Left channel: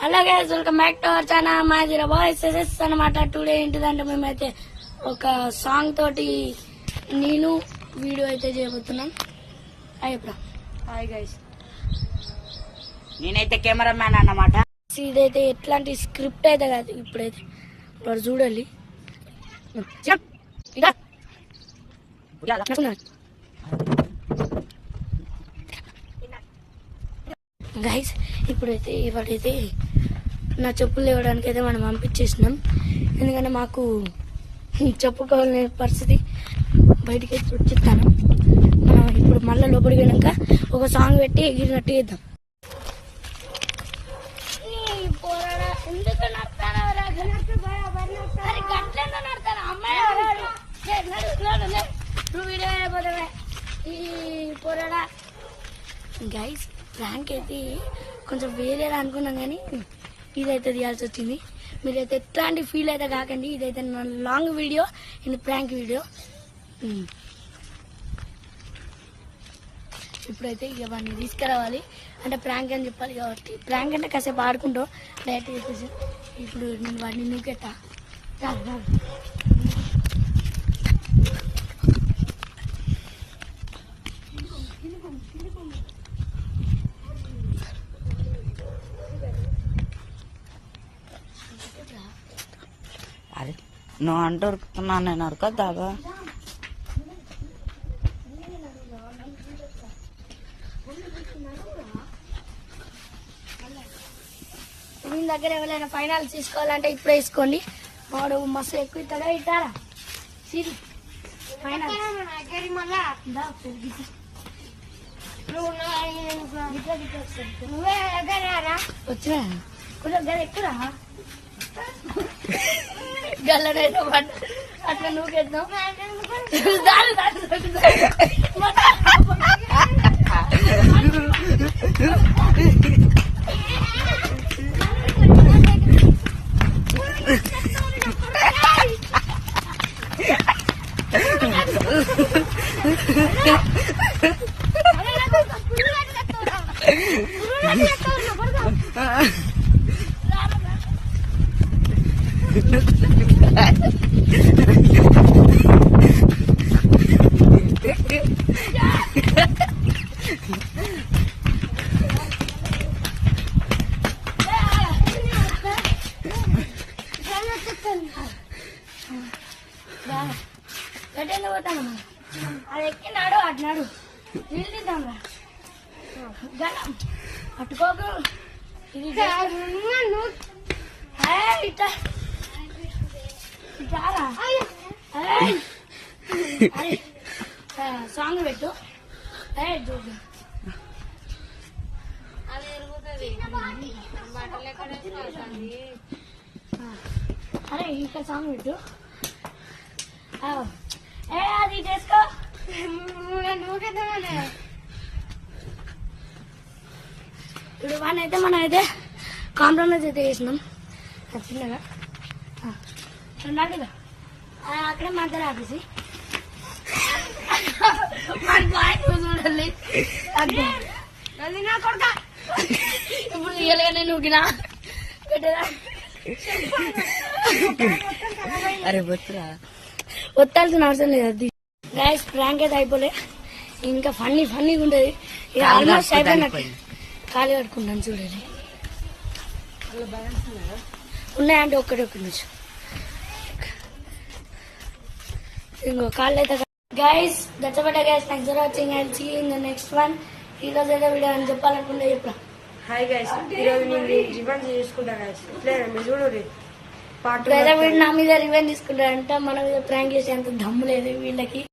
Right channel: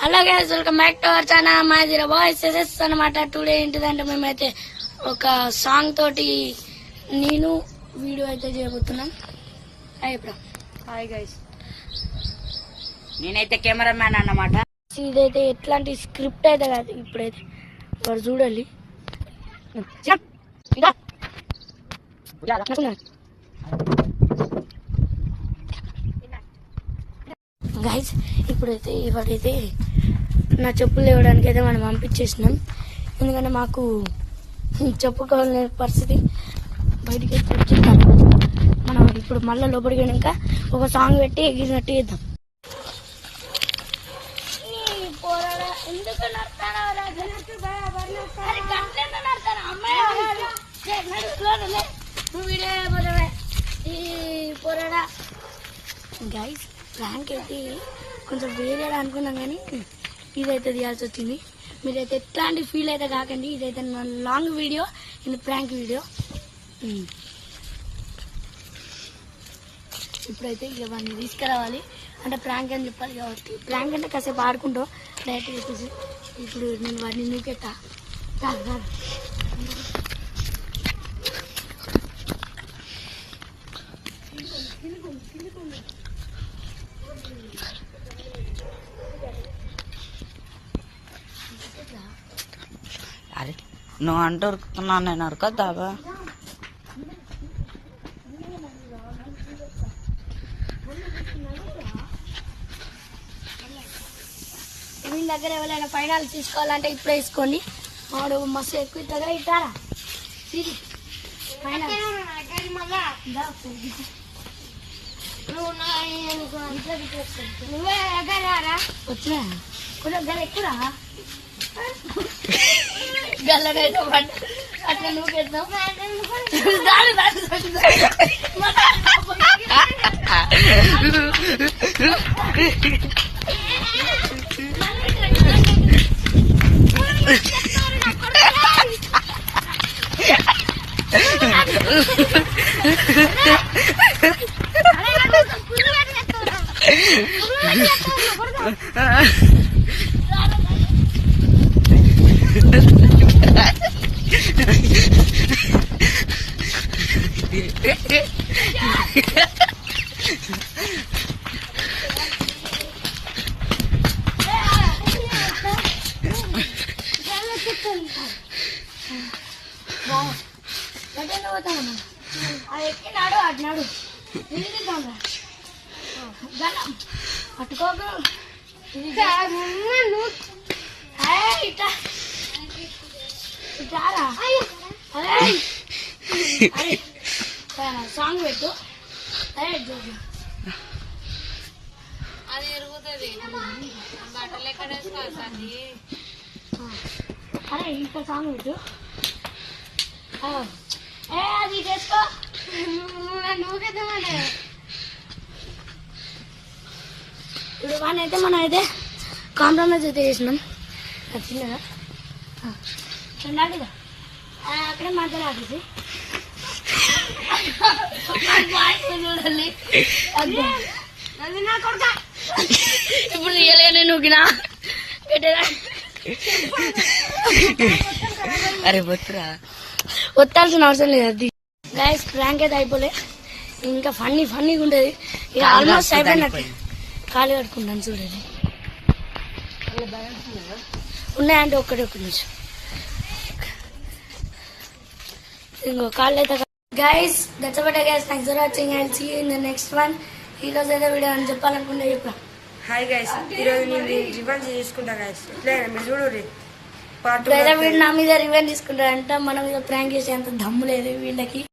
Hello guys, welcome back to our channel మాదిరా boys అనమాట. Today ఏంటిదంటే మేమైతే ఒక సాంగ్ తోటి నేను వీడియో అయితే చేయబోతున్నాం. హాయ్ గైస్, నేనైతే కెమెరా మ్యాన్ అన్నమాట. ఇదైతే ఎట్లాంటి స్క్రిప్ట్ అయితే కాదు, ఇప్పుడైతే వాడు చూడాలి. గైస్ ఇప్పుడైతే ఇవాడైతే నా చెప్పులు లేవడానికి అయితే మనం పంపించేసినాం. ఎందుకంటే మాకు చెప్పుకోవాలనే పరిస్థితి బయటికి చెప్తున్నాను. మనం ఇప్పుడు మళ్ళీ లోపలికి వెళ్ళాక ఒక సాంగ్ పెట్టి ఎగిరినట్టు చేద్దాం. గైస్ ప్రాంక్ అయితే కొంచెం వేరే అనుకున్నాం, కానీ ఇదైతే తీయాల్సి వచ్చింది. మీరైతే ఎట్లాంటి ఫీల్ అయితే కాకండి. ఇదైతే నా లాంగ్ వీడియో, ఇది ప్రాంక్ వీడియో. ఇప్పుడైతే ఇక వాడిని తీసుకురావాలి, అంటే ప్రాంక్ అని చెప్పాలి కాబట్టి. ప్రాంక్ అంటే కాసేపు ఆడుకుంటూ డైరెక్ట్ పెట్టేసి ఇప్పుడు నేను వాడిని నూకెట్టా. అరే నువ్వు అంటూ ఉరుకుతున్నావు, నేను ఉరకొద్దాబా? దీని దగ్గర ఎవరైనా ఫైనాలు తీసుకోవాలంటే ఇప్పుడే వేసుకోండి. వాడు మస్తు ఎక్కువ ఇస్తాడా ఇట్టారా వచ్చినా కొంచెం గల ఎక్కురా గల్లనైతే అట్లా నువ్వు పెడతాం. అది ఎక్కినాడు అటునాడు పట్టుకోకు. సాంగ్ పెట్టు. అరే అరే ఇంకా సాంగ్ పెట్టు. అది చేసుకో. ఇప్పుడు వాడిని అయితే మనం అయితే కాంప్రమైజ్ అయితే చేసినాం. చిన్నగా చిన్నగా అక్కడే మధ్యలో ఆపేసి చూడాలి. ఇప్పుడు రియల్గానే నూకినా అరే బొత్తురా, ఒత్తాల్సిన అవసరం లేదు. అది గైస్ ప్రాంక్ అయితే అయిపోలే, ఇంకా ఫన్నీగా ఉంటుంది. ఇక ఆల్మోస్ట్ అయిపోయినట్టు. ఖాళీ కట్టుకుంటాను చూడండి. ఉన్నాయంటే ఒక్క నుంచి ఇంకో కాళ్ళు అయితే. Guys that's about guys, thanks for watching and see you in the next one. ఈ రోజు అయితే వీడియో అని చెప్పాలనుకుంటే చెప్పరా. హాయ్ గైస్, ఈరోజు నేను రివెంజ్ తీసుకుంటా గైస్. ఇట్లా మీరు చూడండి, వీడు నా మీద రివెంజ్ తీసుకుంటారంట. మన మీద ప్రాంక్ చేసే అంత దమ్ము లేదు వీళ్ళకి.